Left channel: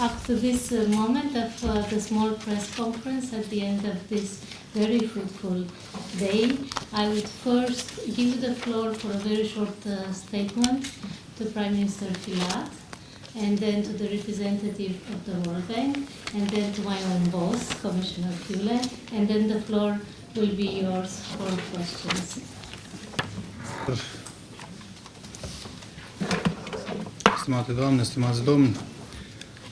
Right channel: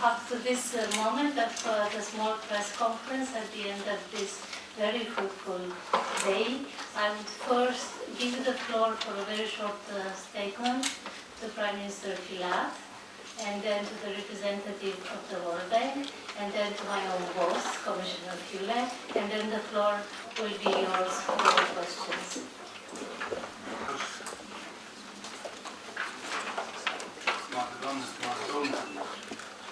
up to this moment of the small press conference at the end of this very fruitful day, I would first give the floor for a very short statement to Prime Minister Filat, and then to the representative of the World Bank, and then to my own boss, Commissioner Fule, and then the floor will be yours for questions. Stimate doamne, stimați domni,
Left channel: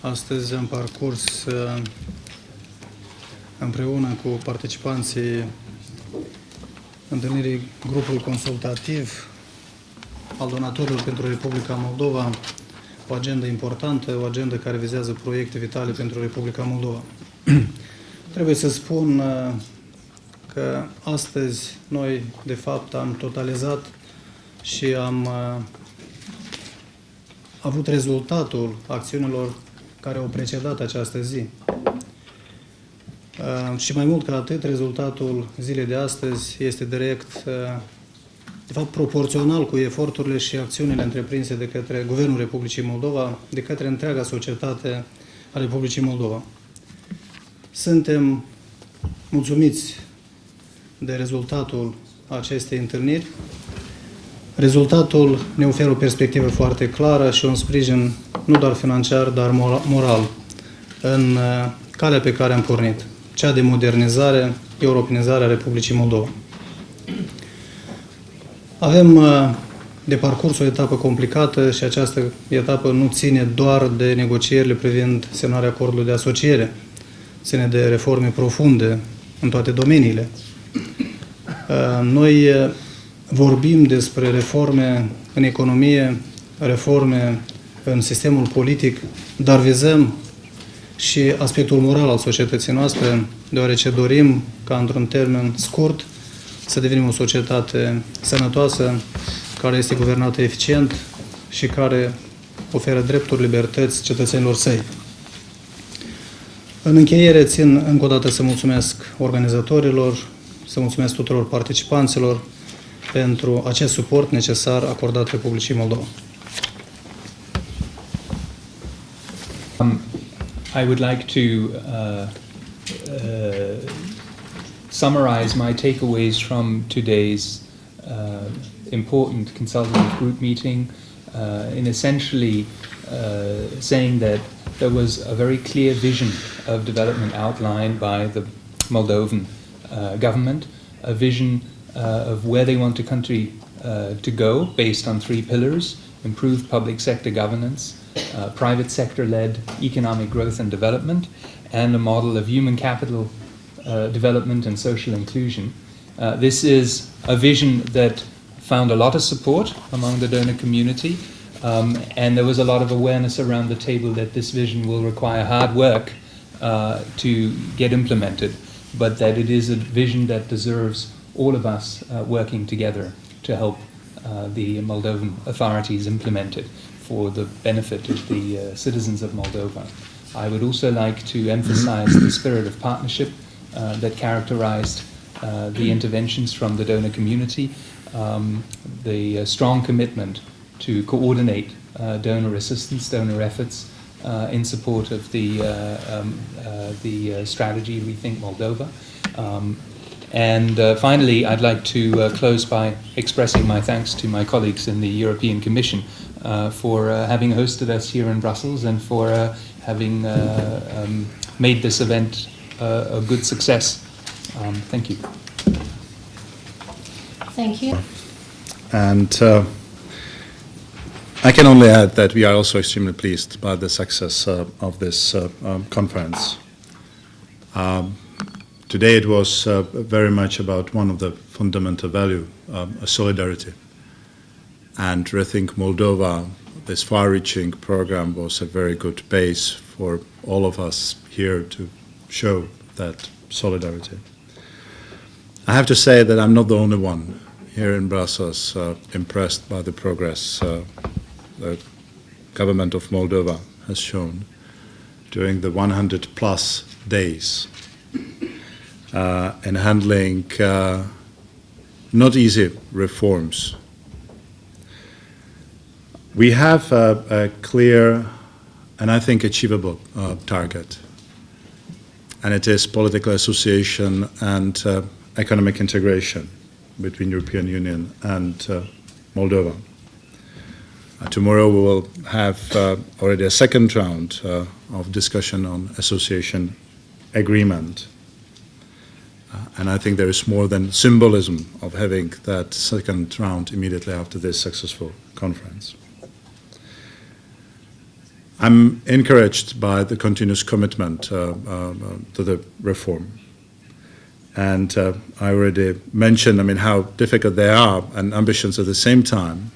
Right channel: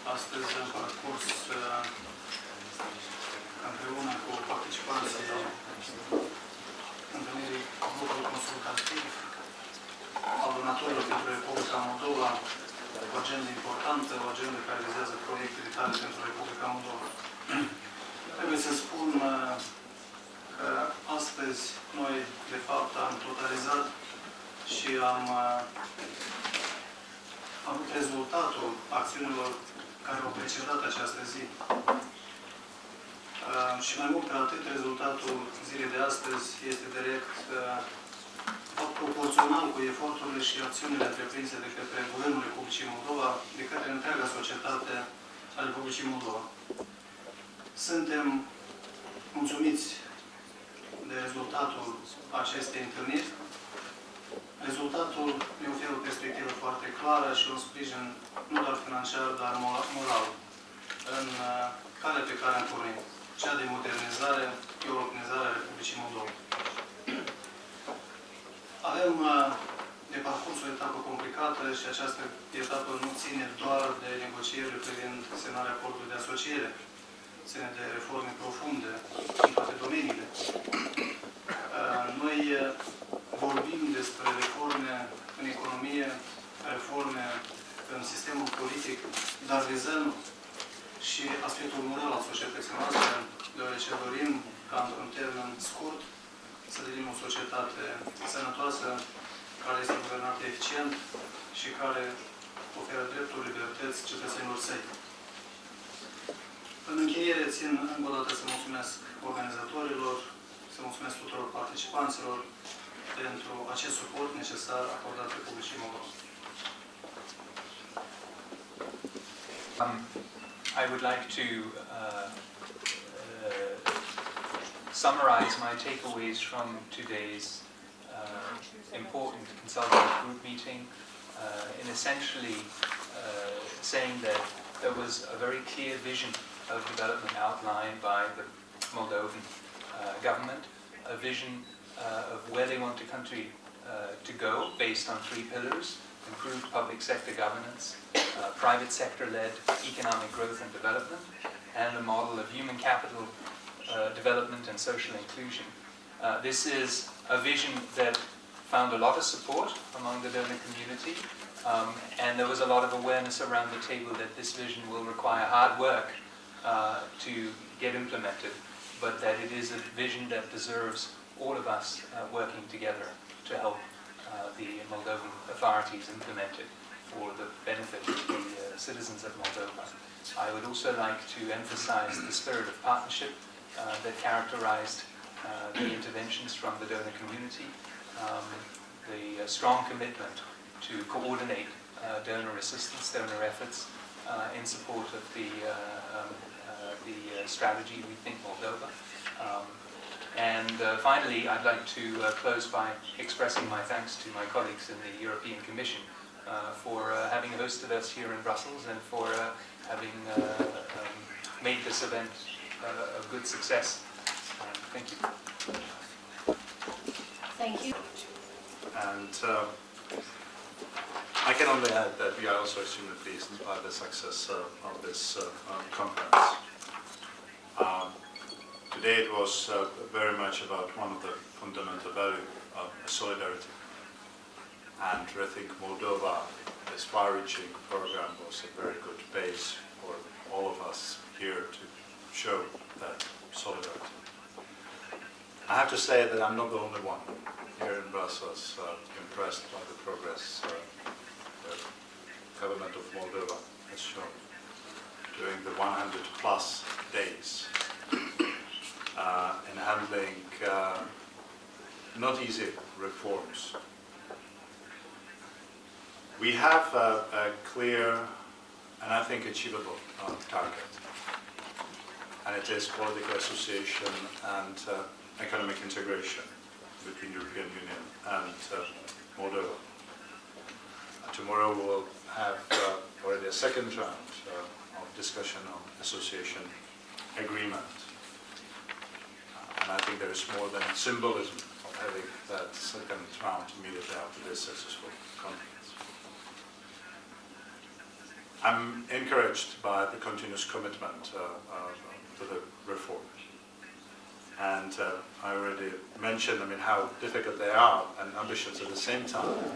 astăzi am parcurs împreună cu participanții întâlnirii grupului consultativ al donatorilor pentru Republica Moldova, o agendă importantă, o agendă care vizează proiecte vitale pentru Republica Moldova. Trebuie să spun că astăzi noi, de fapt, am totalizat și am avut rezultatul acțiunilor care au precedat această zi. Și mai mult ca atât, rezultatul zilei de astăzi este direct, de fapt, proporțional cu eforturile și acțiunile întreprinse de către Guvernul Republicii Moldova, de către întreaga societate a Republicii Moldova. Suntem mulțumiți de rezultatul acestei întâlniri. Rezultatul ne oferă o perspectivă foarte clară și un sprijin nu doar financiar, dar moral în calea pe care am pornit, cea de modernizare, europenizare a Republicii Moldova. Avem de parcurs o etapă complicată și această etapă nu ține doar de negocierile privind semnarea acordului de asociere, ține de reforme profunde în toate domeniile. Noi vorbim despre reforme în economie, reforme în sistemul politic, dar vizăm și aspectul moral al societății noastre, deoarece dorim ca într-un termen scurt să devenim o societate sănătoasă, care este guvernată eficient și care oferă drepturi, libertăți cetățenilor săi. În încheiere, țin încă o dată să mulțumesc organizatorilor, să mulțumesc tuturor participanților pentru acest suport necesar acordat Republicii Moldova. I would like to summarize my takeaways from today's important consultative group meeting in essentially saying that there was a very clear vision of development outlined by the Moldovan government, a vision of where they want the country to go based on 3 pillars: improved public sector governance, private sector-led economic growth and development, and a model of human capital development and social inclusion. This is a vision that found a lot of support among the donor community, and there was a lot of awareness around the table that this vision will require hard work to get implemented, but that it is a vision that deserves all of us working together to help the Moldovan authorities implement it for the benefit of the citizens of Moldova. I would also like to emphasize the spirit of partnership that characterized the interventions from the donor community, the strong commitment to coordinate donor assistance, donor efforts in support of the strategy Rethink Moldova. And finally, I'd like to close by expressing my thanks to my colleagues in the European Commission for having hosted us here in Brussels and for having made this event a good success. Thank you. Thank you. And I can only add that we are also extremely pleased by the success of this conference. Today it was very much about one of the fundamental values, solidarity. And Rethink Moldova, this far-reaching program, was a very good base for all of us here to show that solidarity. I have to say that I'm not the only one here in Brussels impressed by the progress the government of Moldova has shown during the 100+ days in handling not easy reforms. We have a clear and I think achievable target. And it is political association and economic integration between European Union and Moldova. Tomorrow we will have already a second round of discussion on association agreement. And I think there is more than symbolism of having that second round immediately after this successful conference. I'm encouraged by the continuous commitment to the reform. And I already mentioned, how difficult they are and ambitions at the same time.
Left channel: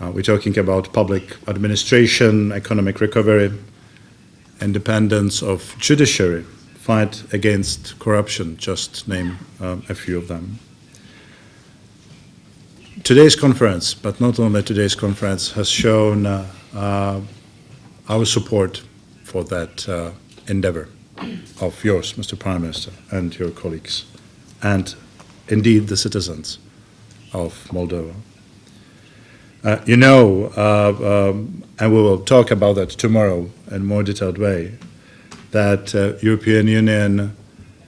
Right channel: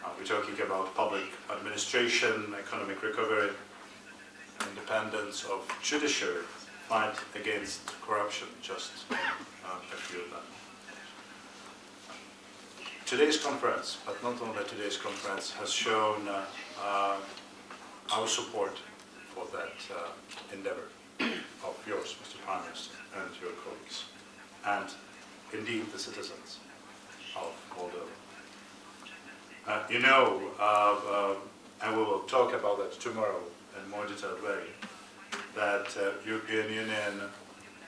We're talking about public administration, economic recovery, independence of judiciary, fight against corruption, just name a few of them. Today's conference, but not only today's conference, has shown our support for that endeavor of yours, Mr. Prime Minister, and your colleagues, and indeed the citizens of Moldova. And we will talk about that tomorrow in a more detailed way, that European Union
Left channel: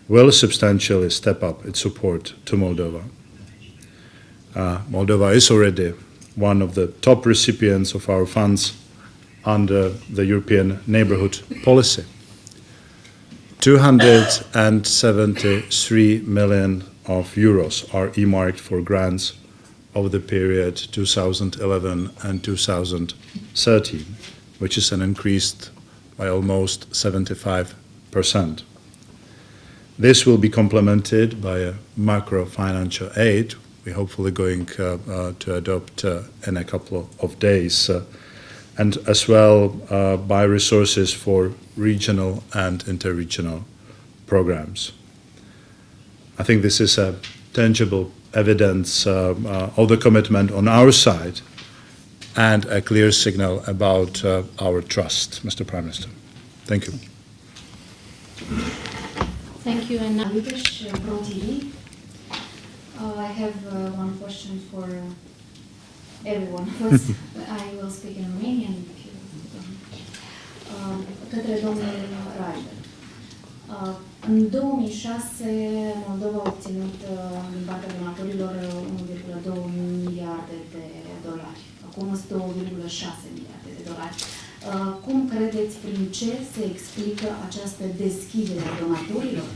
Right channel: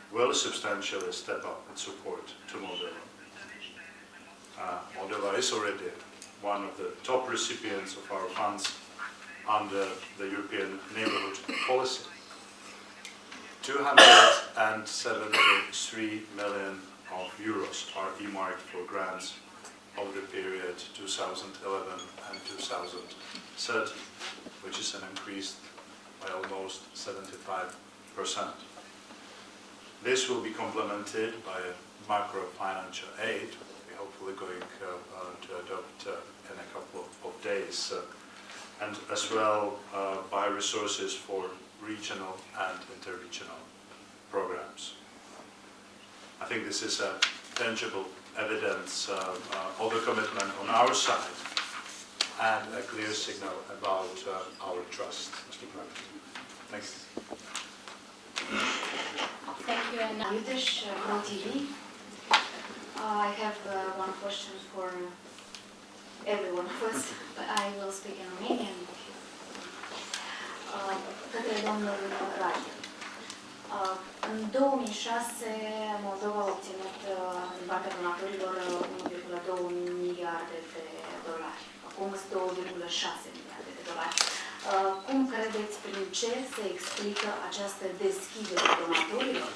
will substantially step up its support to Moldova. Moldova is already one of the top recipients of our funds under the European Neighbourhood Policy. 273 million of euros are earmarked for grants over the period 2011 and 2013, which is an increase by almost 75%. This will be complemented by a macro-financial aid we're hopefully going to adopt in a couple of days, and as well by resources for regional and interregional programs. I think this is a tangible evidence of the commitment on our side and a clear signal about our trust, Mr. Prime Minister. Thank you. Thank you. And now, I have one question for everyone. First, I will speak in Romanian. Către domnul Rai. În 2006, Moldova a obținut din partea donatorilor 1,2 miliarde de dolari. Acum este 1,6 miliarde de dolari. Cum credeți, prin ce se explică această deschidere a donatorilor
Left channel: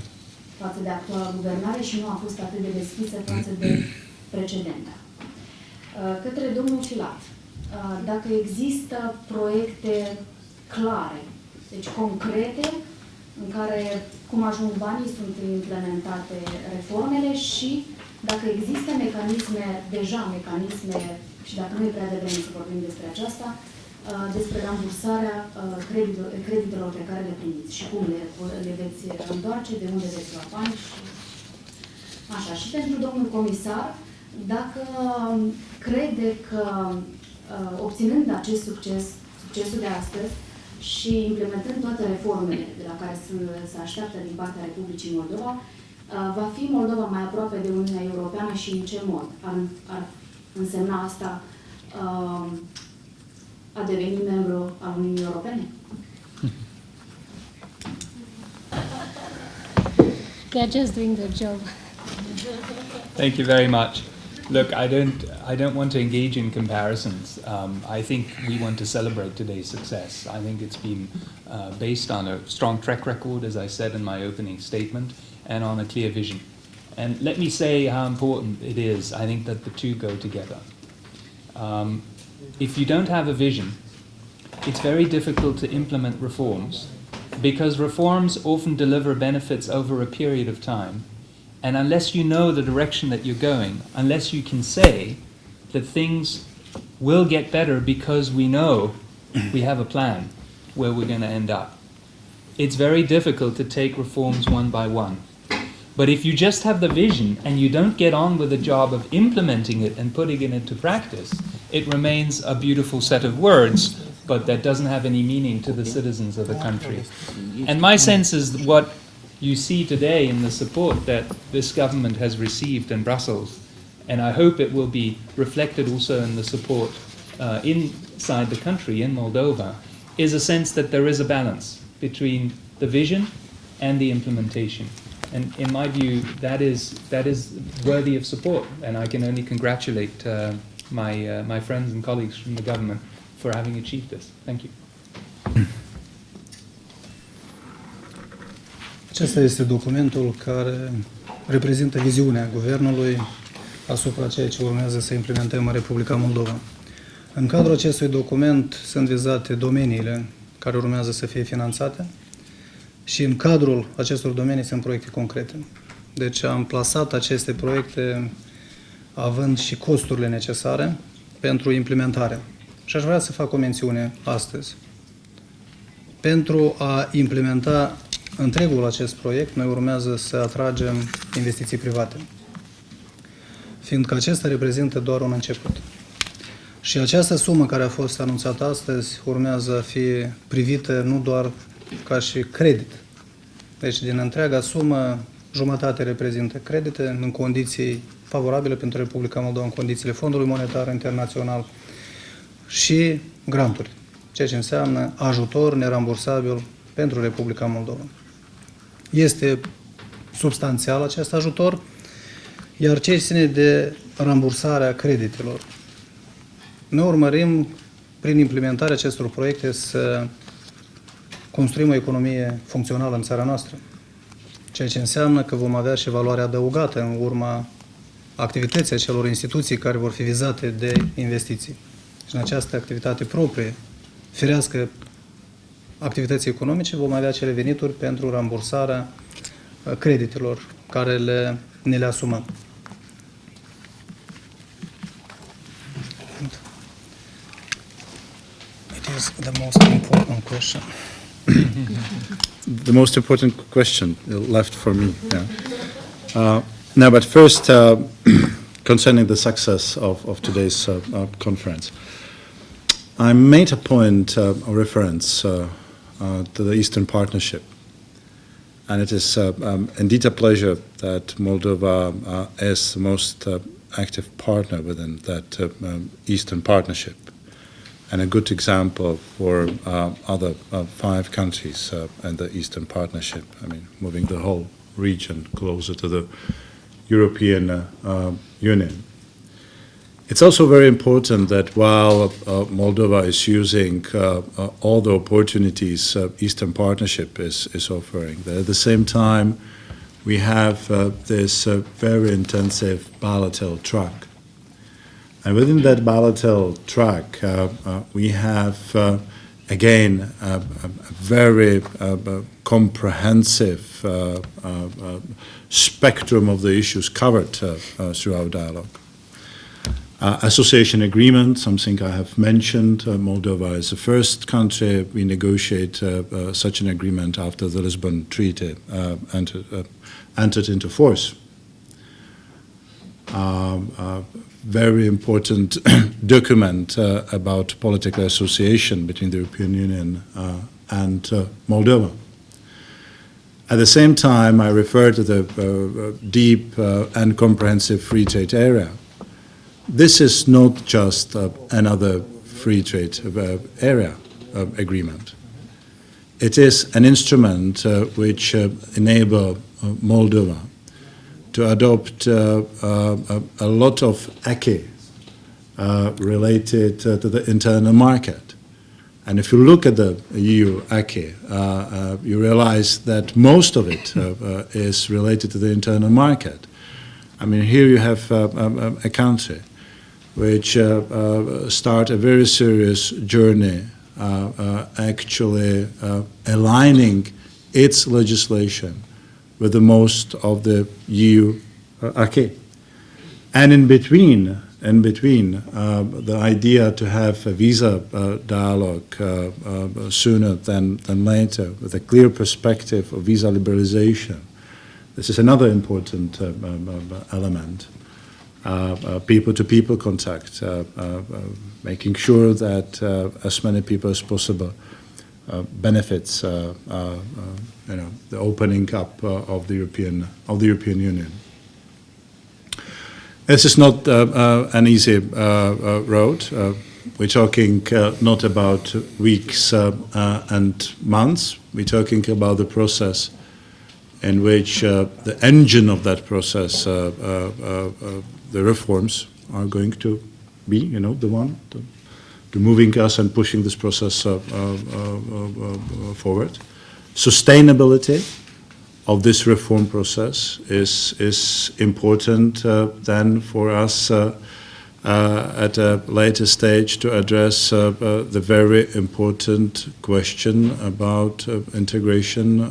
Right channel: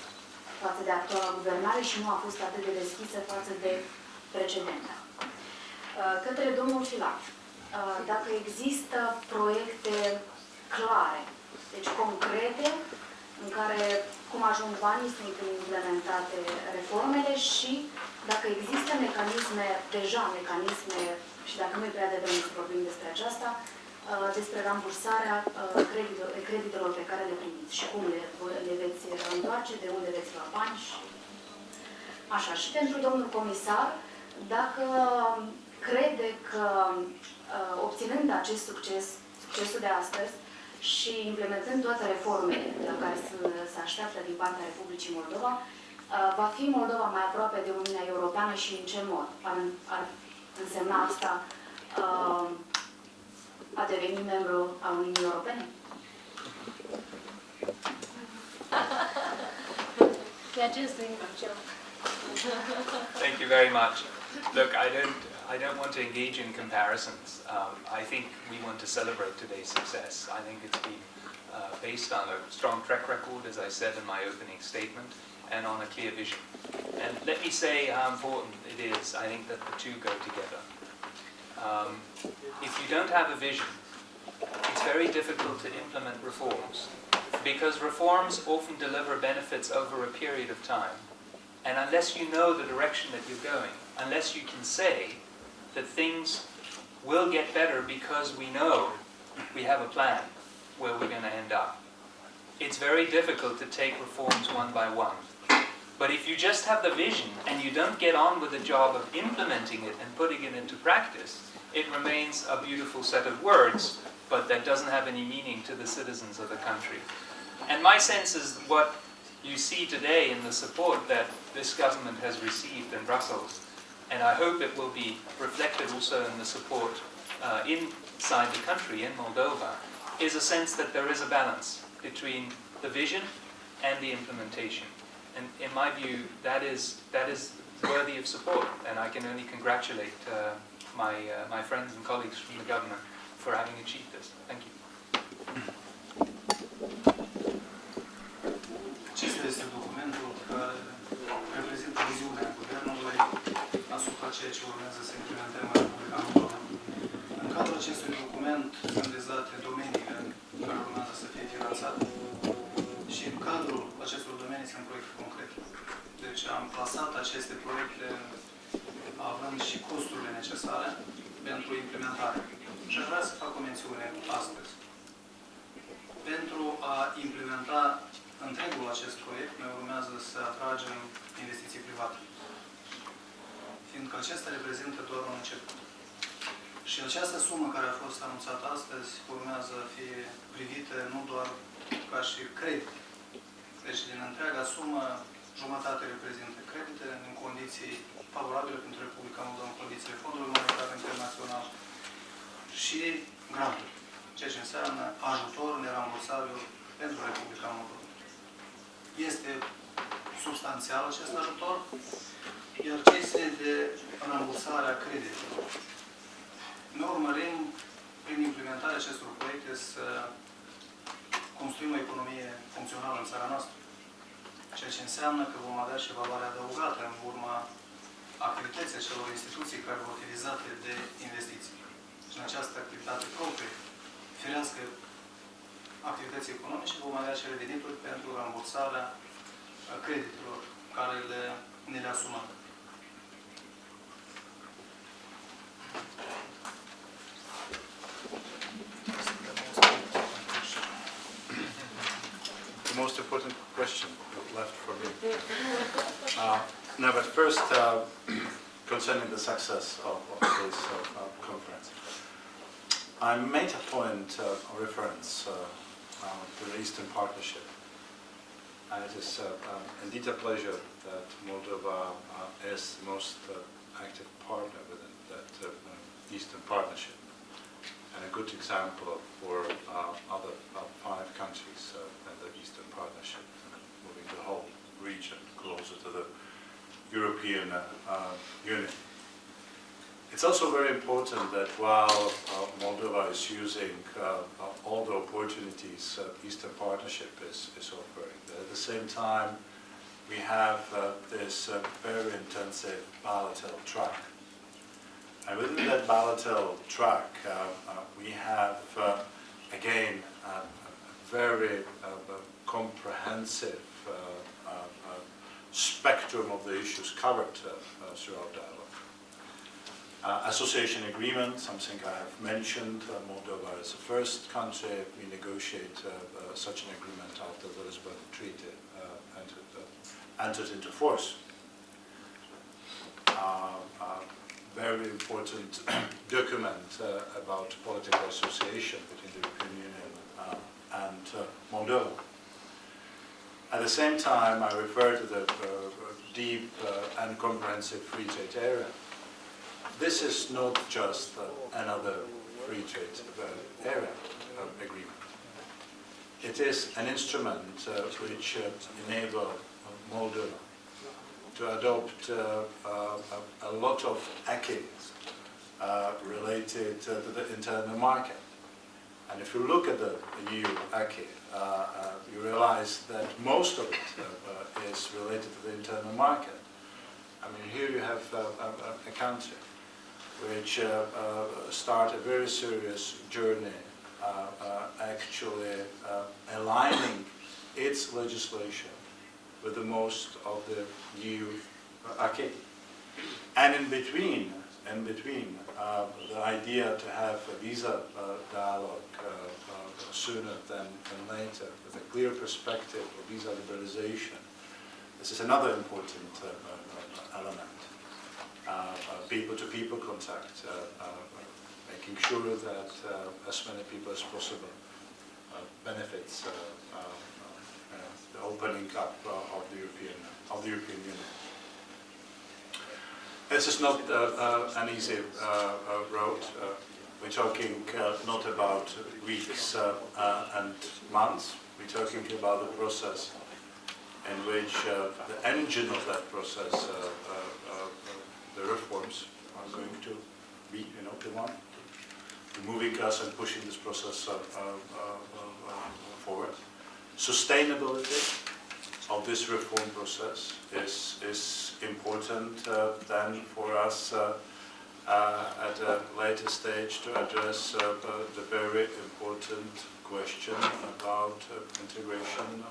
față de actuala guvernare și nu a fost atât de deschisă față de precedentă? Către domnul Filat, dacă există proiecte clare, deci concrete, în care, cum ajung banii, sunt implementate reformele și dacă există mecanisme, și dacă nu e prea devreme să vorbim despre aceasta, despre rambursarea creditelor pe care le primiți și cum le veți întoarce, de unde veți lua bani și așa. Și pentru domnul comisar, dacă crede că obținând acest succesul de astăzi și implementând toate reformele de la care se așteaptă din partea Republicii Moldova, va fi Moldova mai aproape de Uniunea Europeană și în ce mod ar însemna asta a deveni membru al Uniunii Europene? They're just doing their job. Thank you very much. Look, I don't want to engage in comparisons. I think we want to celebrate today's success. I think it's been based on a strong track record, as I said in my opening statement, and on a clear vision. And let me say how important it is. I think that the two go together. If you don't have a vision, it's very difficult to implement reforms, because reforms often deliver benefits over a period of time. And unless you know the direction that you're going, unless you can say that things will get better because we know we have a plan where we're going to end up, it's very difficult to take reforms one by one. But if you just have the vision and you don't get on with the job of implementing it and putting it into practice, it remains a beautiful set of words, but that doesn't have any meaning to the citizens of the country. And my sense is what you see today in the support that this government has received in Brussels, and I hope it will be reflected also in the support inside the country, in Moldova, is a sense that there is a balance between the vision and the implementation. And in my view, that is worthy of support, and I can only congratulate my friends and colleagues from the government for having achieved this. Thank you. Acesta este documentul care reprezintă viziunea Guvernului asupra ceea ce urmează să implementăm în Republica Moldova. În cadrul acestui document sunt vizate domeniile care urmează să fie finanțate și în cadrul acestor domenii sunt proiecte concrete. Deci am plasat aceste proiecte având și costurile necesare pentru implementare. Și aș vrea să fac o mențiune astăzi. Pentru a implementa întregul acest proiect, noi urmează să atragem investiții private, fiindcă acesta reprezintă doar un început. Și această sumă care a fost anunțată astăzi urmează a fi privită nu doar ca și credit. Deci din întreaga sumă, jumătate reprezintă credite în condiții favorabile pentru Republica Moldova, în condițiile Fondului Monetar Internațional și granturi, ceea ce înseamnă ajutor nerambursabil pentru Republica Moldova. Este substanțial acest ajutor, iar ce ține de rambursarea creditelor. Noi urmărim, prin implementarea acestor proiecte, să construim o economie funcțională în țara noastră, ceea ce înseamnă că vom avea și valoare adăugată în urma activității acelor instituții care vor fi vizate de investiții. Și în această activitate proprie, firească activității economice, vom avea acele venituri pentru rambursarea creditelor care ne le asumăm. It is the most important question. The most important question left for me. Yeah. No, but first, concerning the success of today's conference, I made a point of reference to the Eastern Partnership, and it is indeed a pleasure that Moldova is the most active partner within that Eastern Partnership, and a good example for other 5 countries in the Eastern Partnership. I mean, moving the whole region closer to the European Union. It's also very important that while Moldova is using all the opportunities Eastern Partnership is offering, that at the same time we have this very intensive bilateral track. And within that bilateral track, we have, again, a very comprehensive spectrum of the issues covered through our dialogue. Association agreement, something I have mentioned. Moldova is the first country we negotiate such an agreement after the Lisbon Treaty entered into force. Very important document about political association between the European Union and Moldova. At the same time, I refer to the deep and comprehensive free trade area. This is not just another free trade area agreement. It is an instrument which enables Moldova to adopt a lot of acquis related to the internal market. And if you look at the EU acquis, you realize that most of it is related to the internal market. I mean, here you have a country which start a very serious journey actually aligning its legislation with the most of the EU acquis. And in between, the idea to have a visa dialogue sooner than later, with a clear perspective of visa liberalization. This is another important element. People-to-people contact, making sure that as many people as possible benefits, the opening up of the European Union. This is not an easy road. we're talking not about weeks and months. We're talking about the process in which the engine of that process, the reforms, are going to be, you know, the one moving us and pushing this process forward. Sustainability of this reform process is important then for us at a later stage to address the very important question about integration,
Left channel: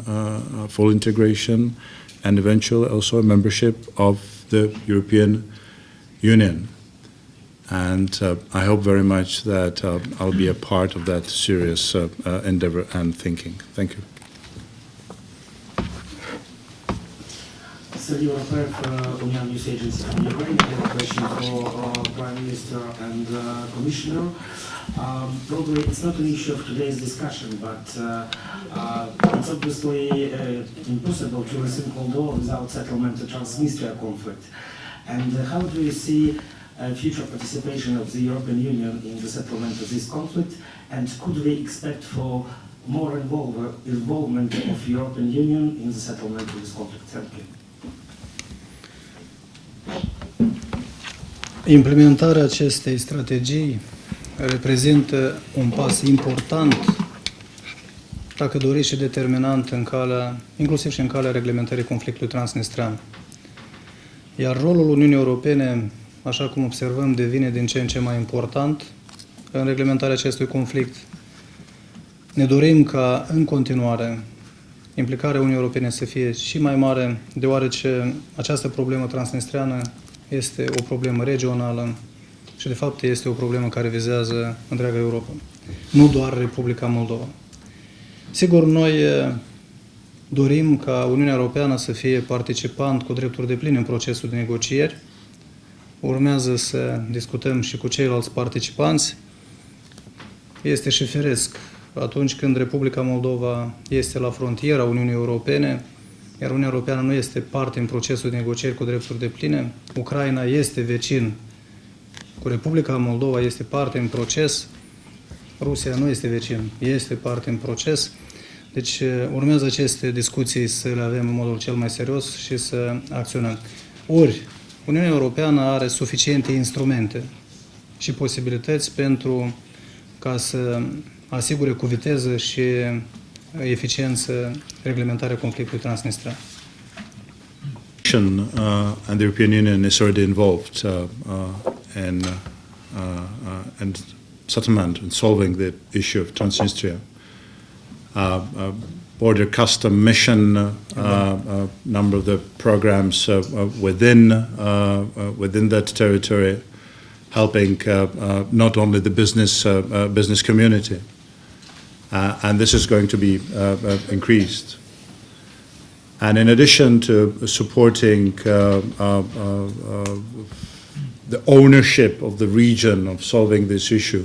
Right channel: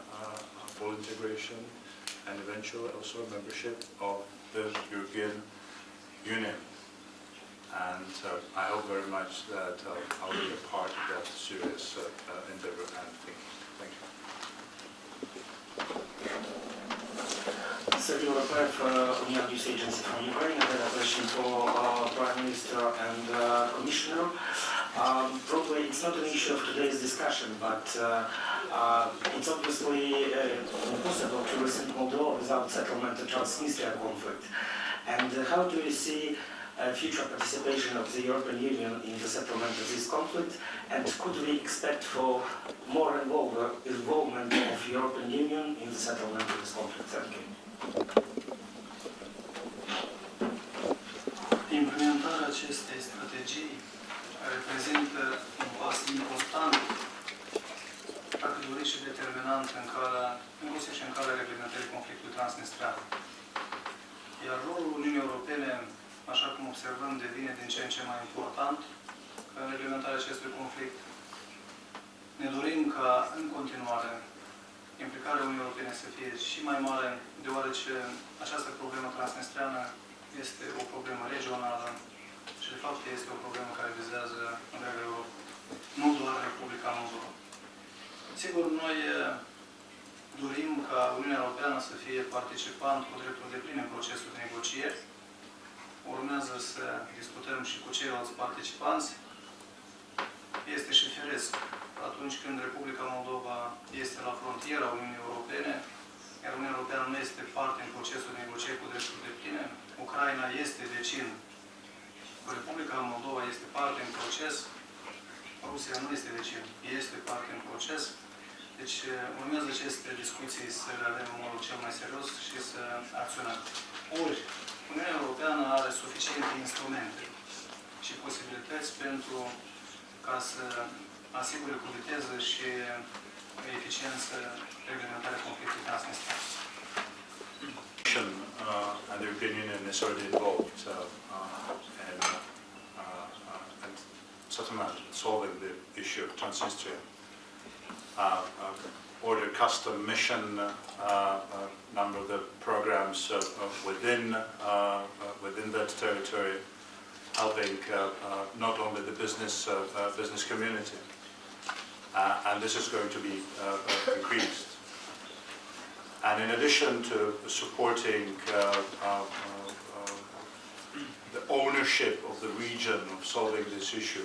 full integration, and eventually also membership of the European Union. And I hope very much that I'll be a part of that serious endeavor and thinking. Thank you. Sergei European, Union News Agency from Ukraine. I have a question for Prime Minister and Commissioner. Probably it's not an issue of today's discussion, but it's obviously impossible to resolve Moldova without settlement of the Transnistria conflict. And how do you see future participation of the European Union in the settlement of this conflict? And could we expect for more involvement of European Union in the settlement of this conflict? Thank you. Implementarea acestei strategii reprezintă un pas important, dacă doriți, și determinant în calea, inclusiv și în calea reglementării conflictului transnistrean. Iar rolul Uniunii Europene, așa cum observăm, devine din ce în ce mai important în reglementarea acestui conflict. Ne dorim ca, în continuare, implicarea Uniunii Europene să fie și mai mare, deoarece această problemă transnistreană este o problemă regională și, de fapt, este o problemă care vizează întreaga Europa, nu doar Republica Moldova. Sigur, noi dorim ca Uniunea Europeană să fie participant cu drepturi depline în procesul de negocieri. Urmează să discutăm și cu ceilalți participanți. Este și firesc atunci când Republica Moldova este la frontiera Uniunii Europene, iar Uniunea Europeană nu este parte în procesul de negocieri cu drepturi depline. Ucraina este vecin cu Republica Moldova, este parte în proces. Rusia nu este vecin, este parte în proces. Deci urmează aceste discuții să le avem în modul cel mai serios și să acționăm. Ori, Uniunea Europeană are suficiente instrumente și posibilități pentru ca să asigure cu viteză și eficiență reglementarea conflictului transnistrean. And the European Union is already involved in settlement and solving the issue of Transnistria. Border custom mission, number of the programs within that territory, helping not only the business community, and this is going to be increased. And in addition to supporting the ownership of the region of solving this issue,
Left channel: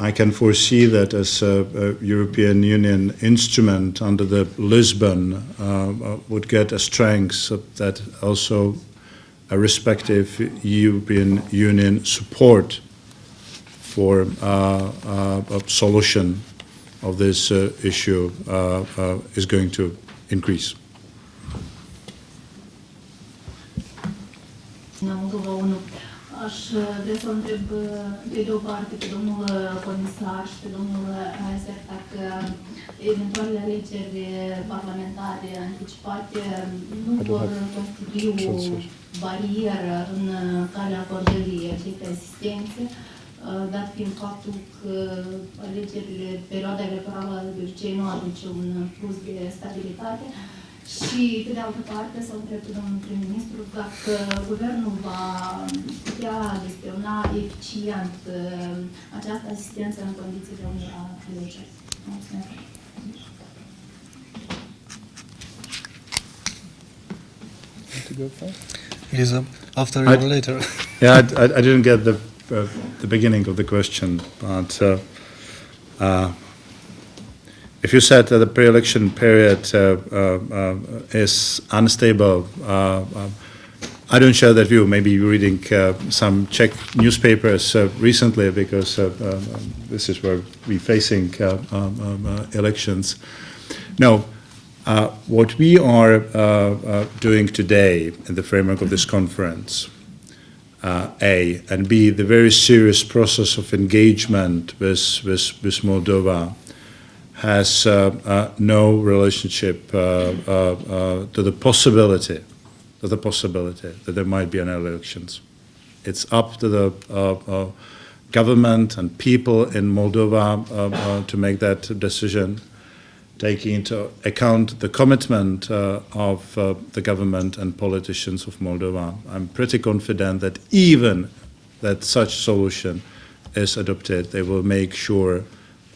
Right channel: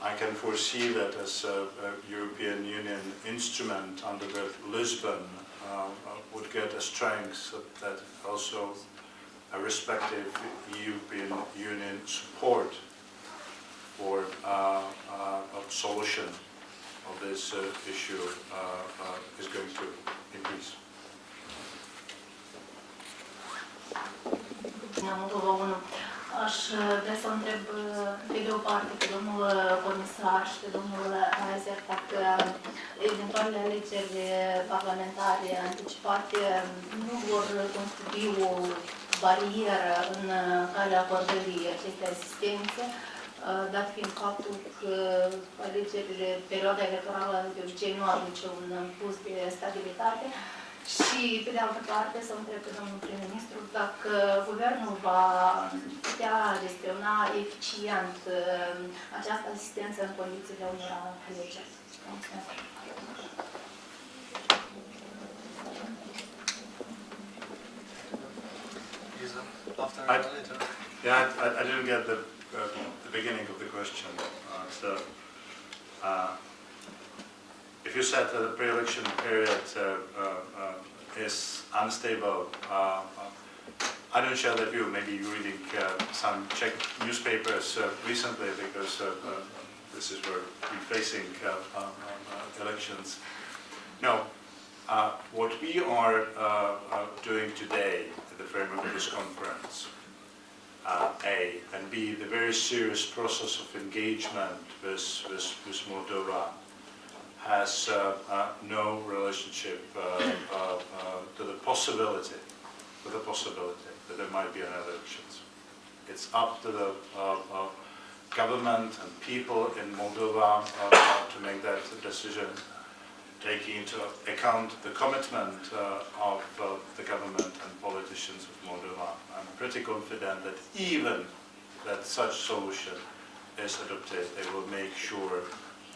I can foresee that as a European Union instrument under the Lisbon would get a strength that also a respective European Union support for a solution of this issue is going to increase. Aș vrea să întreb pe de o parte pe domnul comisar și pe domnul Isaac dacă eventualele alegeri parlamentare anticipate nu vor constitui o barieră în calea acordării acestei asistențe, dat fiind faptul că alegerile, perioada electorală de obicei nu aduce un plus de stabilitate. Și, pe de altă parte, să întreb pe domnul prim-ministru dacă guvernul va putea gestiona eficient această asistență în condițiile unor alegeri. Mulțumesc. Lisa, after or later. Yeah, I didn't get the beginning of the question, but if you said that the pre-election period is unstable, I don't share that view. Maybe you're reading some Czech newspapers recently, because this is where we're facing elections. No, what we are doing today in the framework of this conference, A, and B, the very serious process of engagement with Moldova has no relationship to the possibility that there might be an elections. It's up to the government and people in Moldova to make that decision, taking into account the commitment of the government and politicians of Moldova. I'm pretty confident that even that such solution is adopted, they will make sure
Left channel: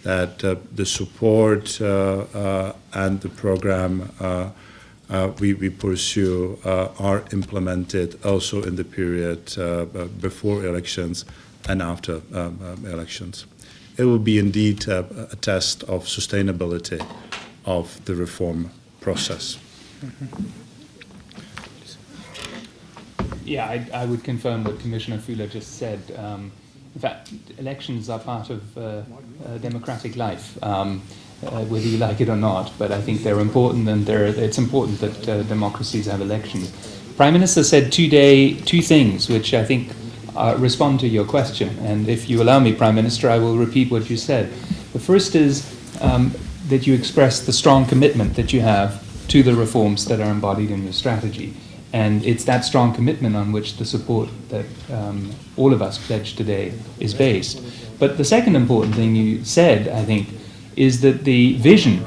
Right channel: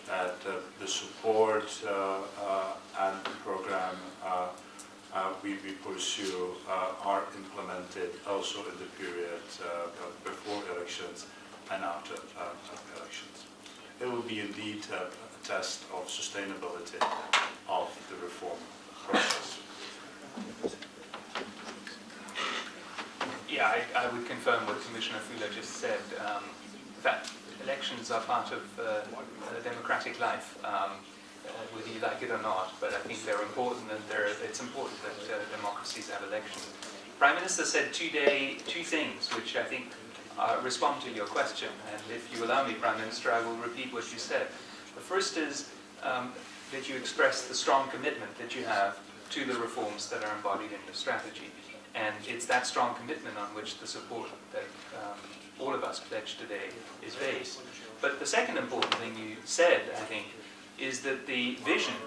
that the support and the program we pursue are implemented also in the period before elections and after elections. It will be indeed a test of sustainability of the reform process. Yeah, I would confirm what Commissioner Füle just said. In fact, elections are part of democratic life, whether you like it or not, but I think they're important, and it's important that democracies have elections. Prime Minister said two things which I think respond to your question, and if you allow me, Prime Minister, I will repeat what you said. The first is that you express the strong commitment that you have to the reforms that are embodied in your strategy. And it's that strong commitment on which the support that all of us pledge today is based. But the second important thing you said, I think, is that the vision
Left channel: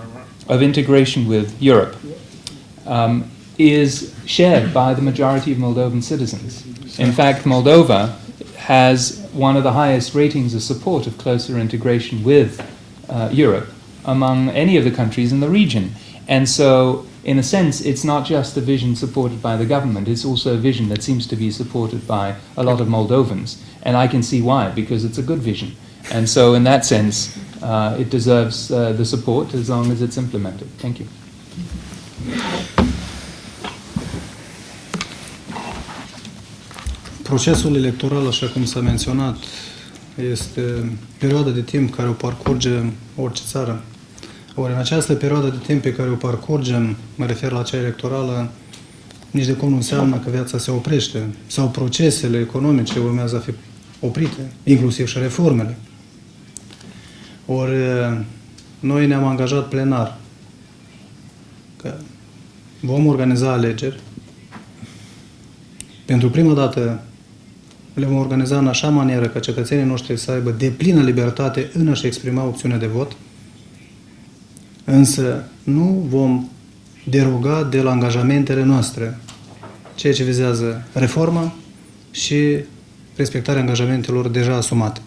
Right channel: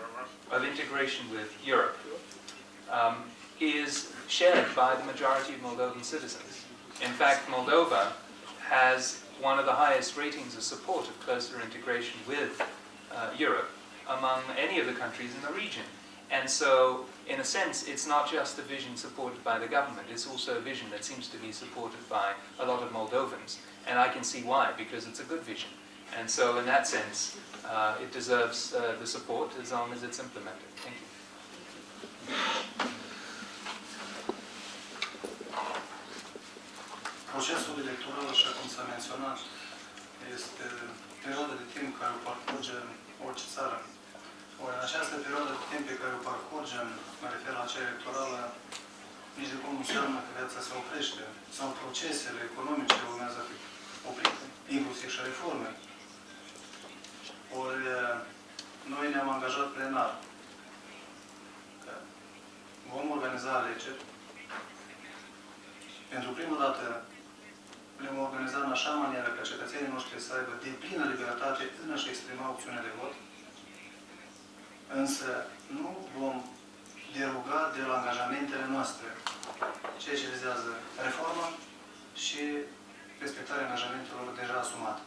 of integration with Europe is shared by the majority of Moldovan citizens. In fact, Moldova has one of the highest ratings of support of closer integration with Europe among any of the countries in the region. And so, in a sense, it's not just a vision supported by the government, it's also a vision that seems to be supported by a lot of Moldovans. And I can see why, because it's a good vision. And so, in that sense, it deserves the support as long as it's implemented. Thank you. Procesul electoral, așa cum s-a menționat, este perioada de timp care o parcurge orice țară. Ori în această perioadă de timp pe care o parcurgem, mă refer la cea electorală, nici de cum nu înseamnă că viața se oprește sau procesele economice urmează a fi oprite, inclusiv și reformele. Ori noi ne-am angajat plenar că vom organiza alegeri. Pentru prima dată le vom organiza în așa manieră ca cetățenii noștri să aibă deplină libertate în a-și exprima opțiunea de vot, însă nu vom deroga de la angajamentele noastre, ceea ce vizează reforma și respectarea angajamentelor deja asumate.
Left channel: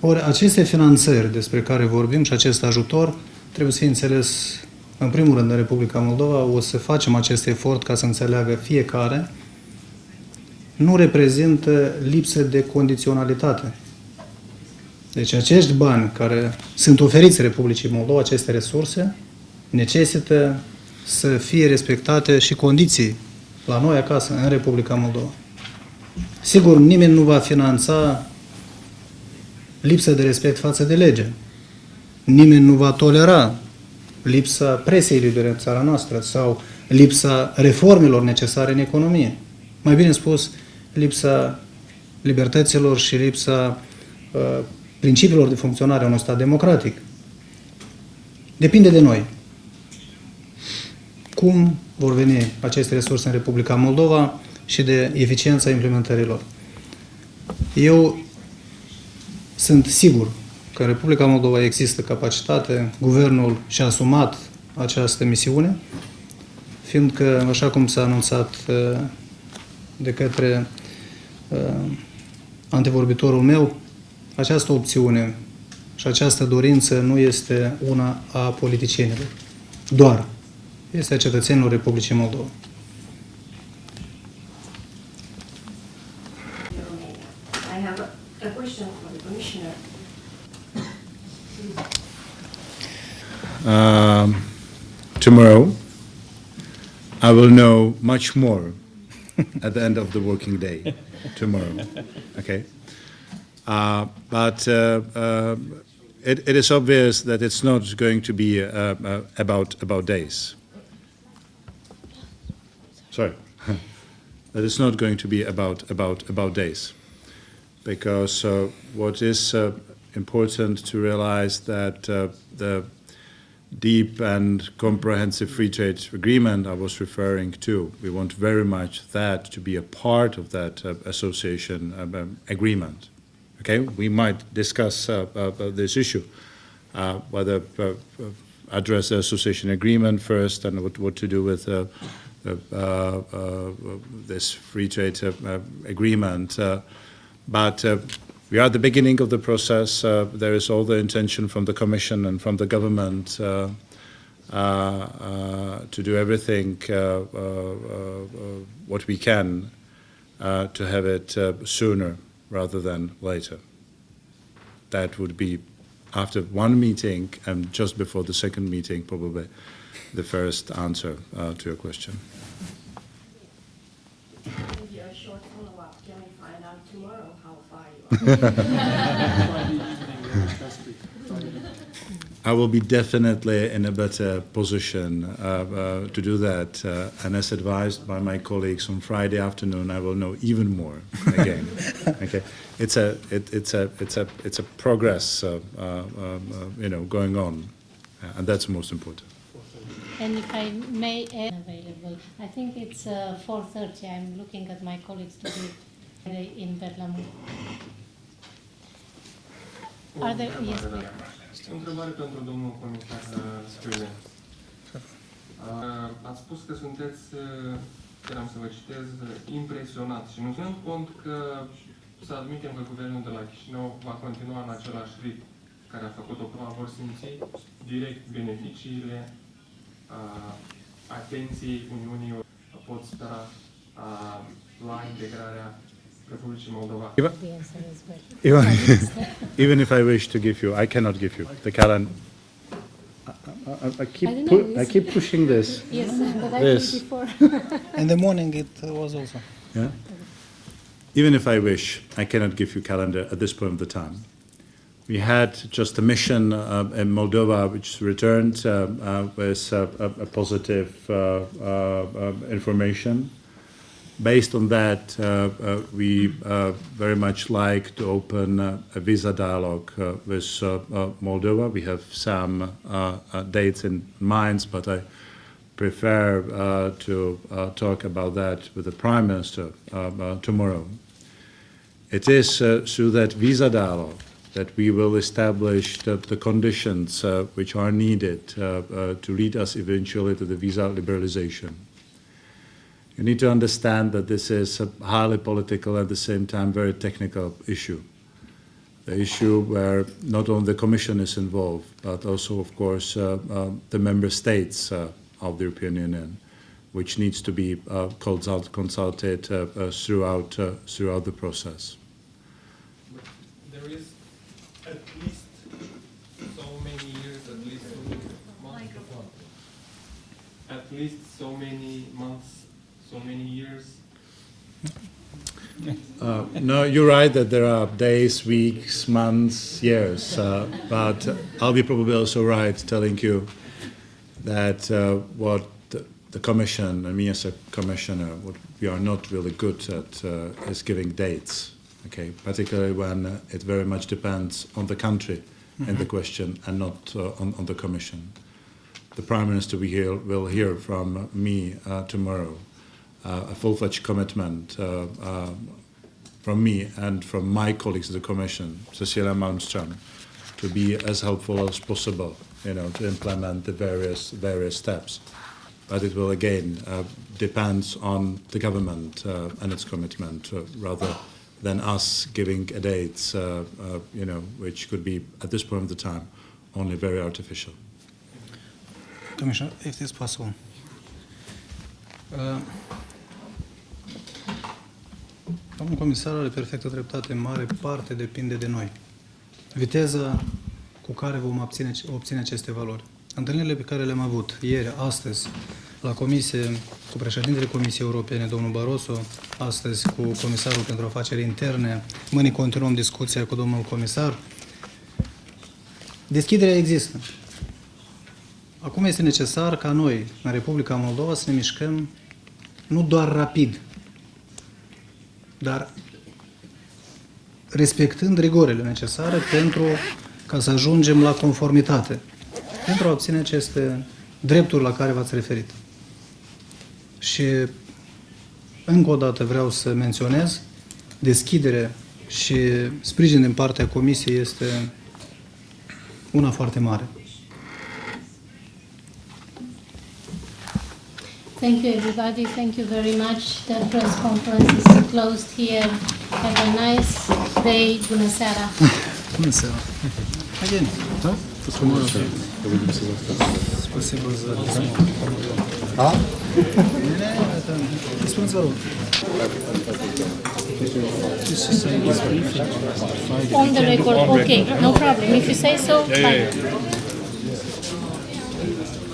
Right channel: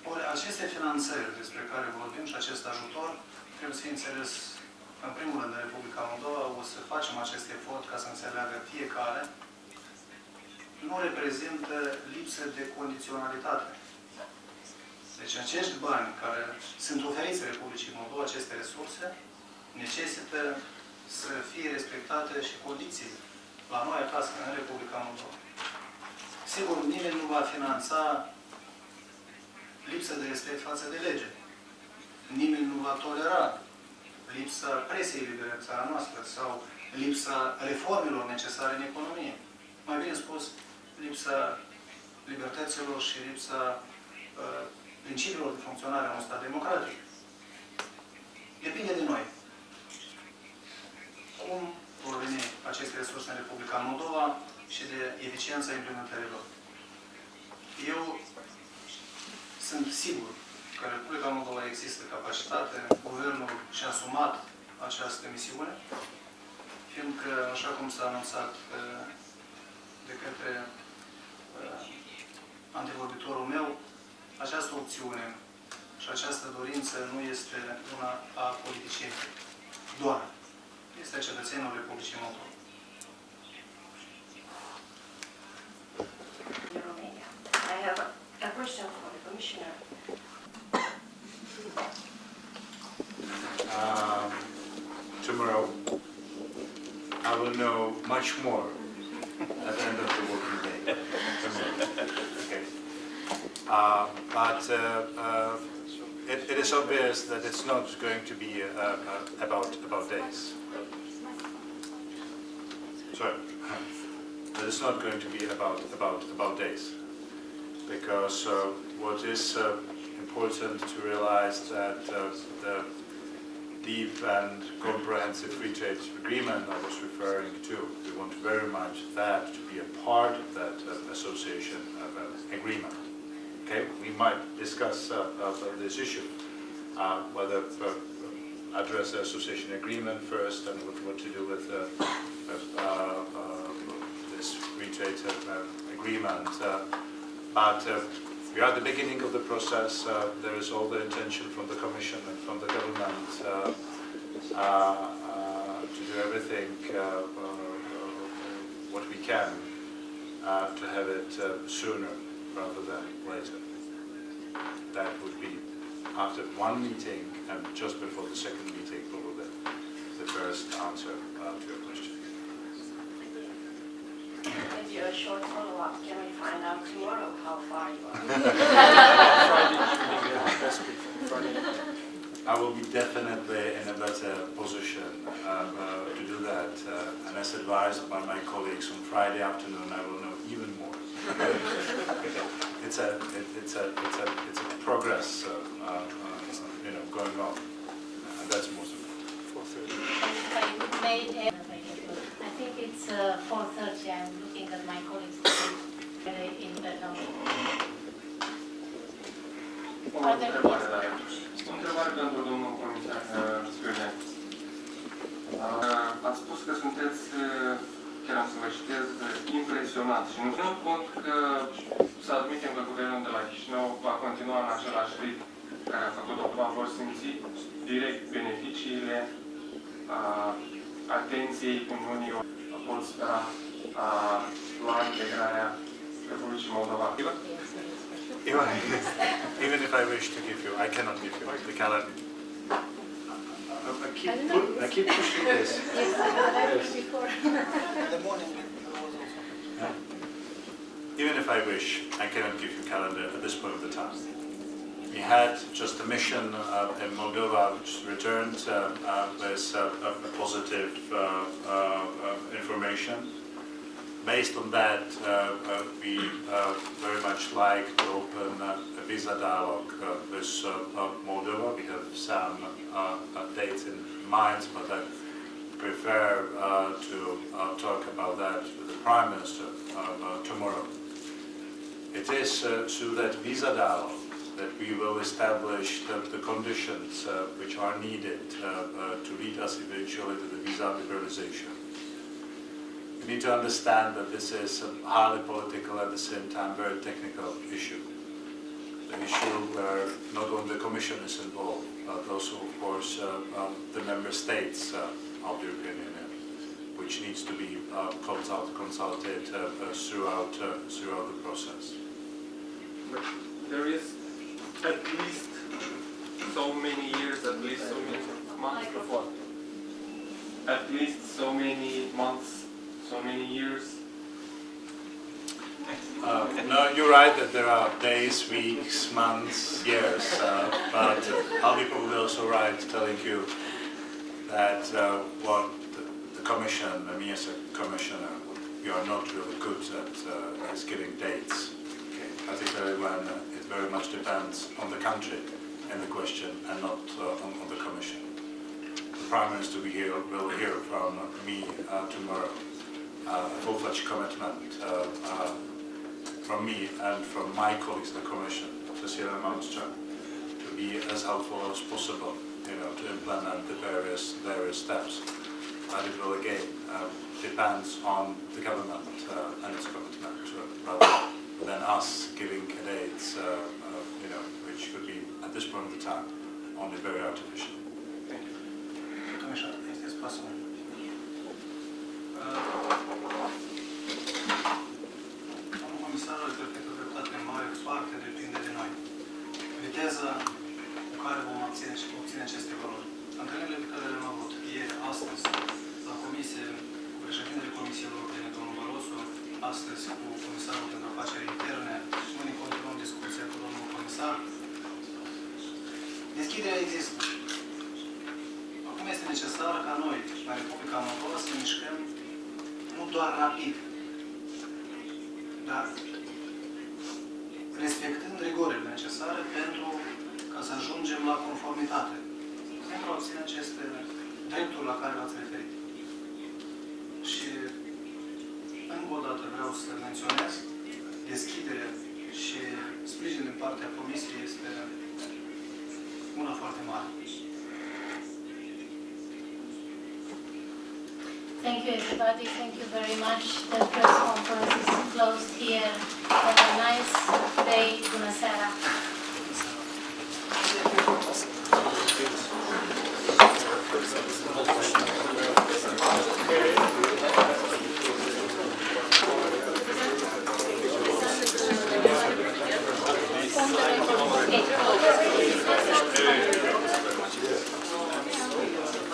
Ori aceste finanțări despre care vorbim și acest ajutor trebuie să fie înțeles în primul rând în Republica Moldova. O să facem acest efort ca să înțeleagă fiecare. Nu reprezintă lipsă de condiționalitate. Deci acești bani care sunt oferiți Republicii Moldova, aceste resurse, necesită să fie respectate și condiții la noi acasă, în Republica Moldova. Sigur, nimeni nu va finanța lipsa de respect față de lege. Nimeni nu va tolera lipsa presei libere în țara noastră sau lipsa reformelor necesare în economie. Mai bine spus, lipsa libertăților și lipsa principiilor de funcționare a unui stat democratic. Depinde de noi. Cum vor veni aceste resurse în Republica Moldova și de eficiența implementărilor. Eu sunt sigur că în Republica Moldova există capacitate, guvernul și-a asumat această misiune, fiindcă, așa cum s-a anunțat de către antevorbitorul meu, această opțiune și această dorință nu este una a politicienilor, doar este a cetățenilor Republicii Moldova. I have a question for the Commissioner. Tomorrow, I will know much more at the end of the working day tomorrow. Okay, but it is obvious that it's not going to be about days. Sorry, that it's not going to be about days, because what is important to realize that the deep and comprehensive free trade agreement I was referring to, we want very much that to be a part of that association agreement. Okay, we might discuss this issue, whether address the association agreement first and what to do with this free trade agreement. But we are at the beginning of the process. There is all the intention from the Commission and from the government to do everything what we can to have it sooner rather than later. That would be after one meeting and just before the second meeting, probably the first answer to your question. Maybe a short follow-up. Can we find out tomorrow how far you are? I will be definitely in a better position to do that, and as advised by my colleagues on Friday afternoon, I will know even more. Again. Okay, it's a progress, going on, and that's most important. And if I may add, I think it's 4:30. I'm looking at my colleagues today in Bergamo. Are there O întrebare pentru domnul comisar Spâne. Ați spus că sunteți, chiar am să vă citez, impresionat și nu ținând cont că să admitem că guvernul de la Chișinău va continua în același ritm care a făcut-o, vor simți direct beneficiile atenției Uniunii, pot spera la integrarea Republicii Moldova. Even if I wish to give you, I cannot give you the calendar. I keep pushing this. Yes. In the morning it was also. Yeah. Even if I wish, I cannot give you calendar at this point of the time. We had just a mission in Moldova which returned with a positive information. Based on that, we very much like to open a visa dialogue with Moldova. We have some dates in mind, but I prefer to talk about that with the Prime Minister tomorrow. It is through that visa dialogue that we will establish the conditions which are needed to lead us eventually to the visa liberalization. You need to understand that this is a highly political, at the same time very technical issue. The issue where not only the Commission is involved, but also, of course, the member states of the European Union, which needs to be consulted throughout the process. But there is at least so many years, at least so many months before. At least so many months. So many years? No, you're right that there are days, weeks, months, years, but I'll be probably also right telling you that what the Commission, and me as a Commissioner, what we are not really good at is giving dates, okay? Particularly when it very much depends on the country in the question and not on the Commission. The Prime Minister will hear from me tomorrow. A full-fledged commitment from me and from my colleagues in the Commission, Cecilia Malmström, to be as helpful as possible, to implement the various steps. But it will again depends on the government and its commitment, rather than us giving a date, which could be at this point of the time only very artificial. Commissioner, if it is possible. Domnul comisar are perfectă dreptate, în mare parte depinde de noi. Viteza cu care vom obține aceste valori. Întâlnirile pe care le-am avut ieri, astăzi, la comisie cu cu președintele Comisiei Europene, domnul Barroso, astăzi cu comisarul pentru afaceri interne, mâine continuăm discuția cu domnul comisar. Deschiderea există. Acum este necesar ca noi, în Republica Moldova, să ne mișcăm nu doar rapid, dar respectând rigorile necesare pentru ca să ajungem la conformitate, pentru a obține aceste drepturi la care v-ați referit. Și încă o dată vreau să menționez, deschidere și sprijin din partea Comisiei este una foarte mare. Thank you, everybody. Thank you very much. The press conference is closed here. Have a nice day. Bună seara. Bună seara. On the record. Okay, no problem. If you say so. Bye.